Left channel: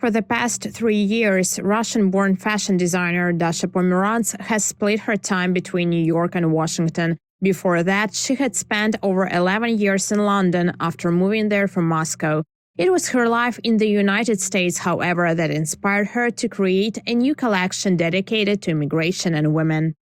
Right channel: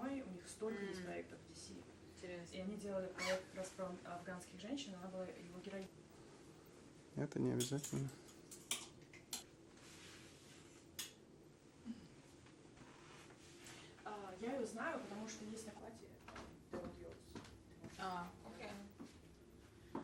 For the past 3 years, Russian-born fashion designer Dasha Pomeranz has split her time between New York and Washington. Before that, she had spent over 11 years in London after moving there from Moscow. It was her life in the United States, however, that inspired her to create a new collection dedicated to immigration and women.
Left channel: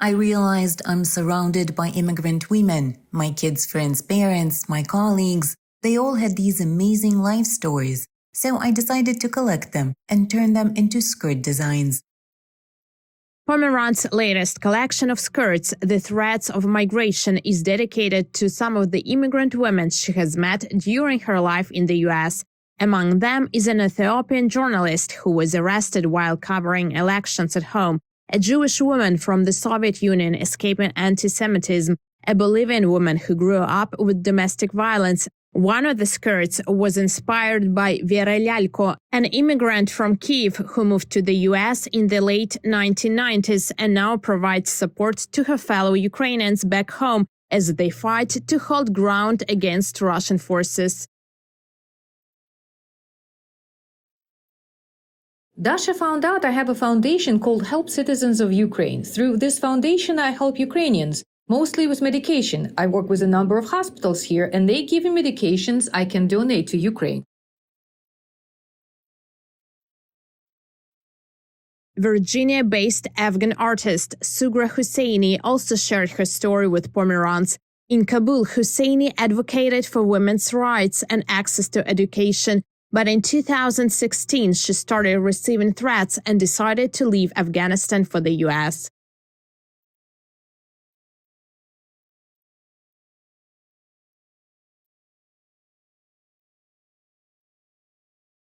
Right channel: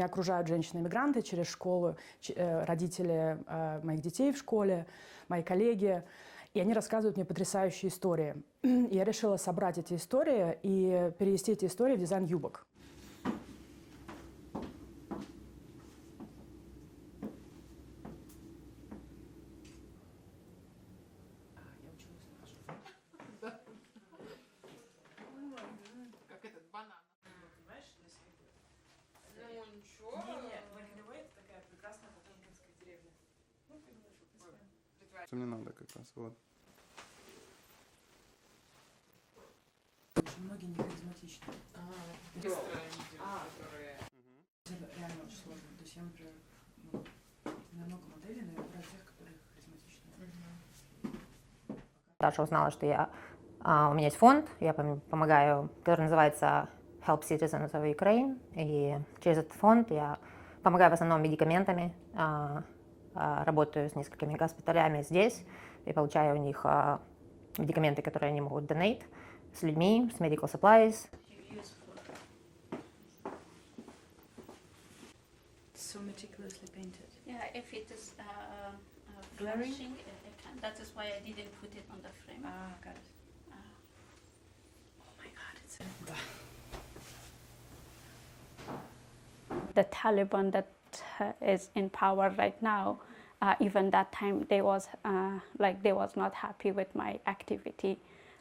I realized I'm surrounded by immigrant women. My kids' friends' parents, my colleagues, they all had these amazing life stories. So I decided to collect them and turn them into skirt designs. Pomeranz's latest collection of skirts, The Threads of Migration, is dedicated to some of the immigrant women she has met during her life in the U.S. Among them is an Ethiopian journalist who was arrested while covering elections at home, a Jewish woman from the Soviet Union escaping anti-Semitism, a Bolivian woman who grew up with domestic violence. One of the skirts was inspired by Vera Lalko, an immigrant from Kyiv who moved to the U.S. in the late 1990s and now provides support to her fellow Ukrainians back home as they fight to hold ground against Russian forces. Dasha found out I have a foundation called Help Citizens of Ukraine. Through this foundation, I help Ukrainians, mostly with medication. I work with a number of hospitals here, and they give me medications I can donate to Ukraine. Virginia-based Afghan artist Sugra Husseini also shared her story with Pomeranz. In Kabul, Husseini advocated for women's rights and access to education. But in 2016, she started receiving threats and decided to leave Afghanistan for the U.S. The Taliban that is in power right now, even that time, they was not happy with my activity,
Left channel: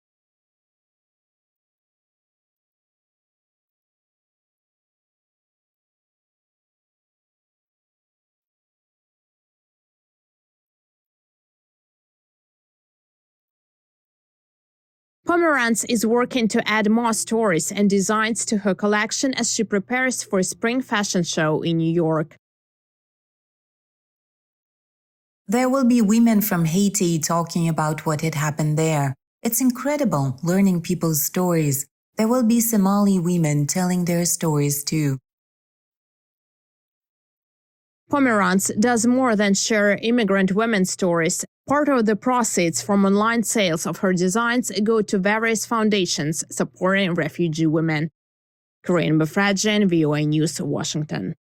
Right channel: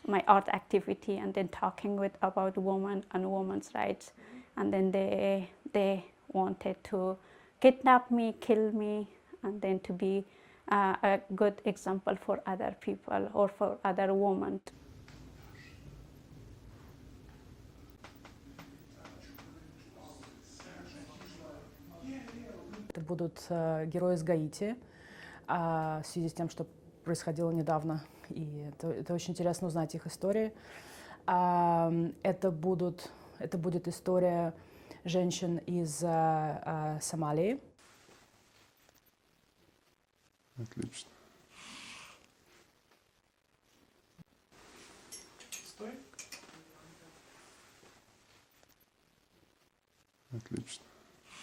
my art activity, and then talking about women and women's rights, and then they wanted to kidnap me, kill me, and then to be a good example for other people or for other women. Pomeranz is working to add more stories and designs to her collection as she prepares for a spring fashion show in New York. There will be women from Haiti talking about what had happened there. It's incredible, learning people's stories. There will be Somali women telling their stories too. Pomeranz does more than share immigrant women's stories. Part of the proceeds from online sales of her designs go to various foundations supporting refugee women. Corinne Befradjian, VOA News, Washington.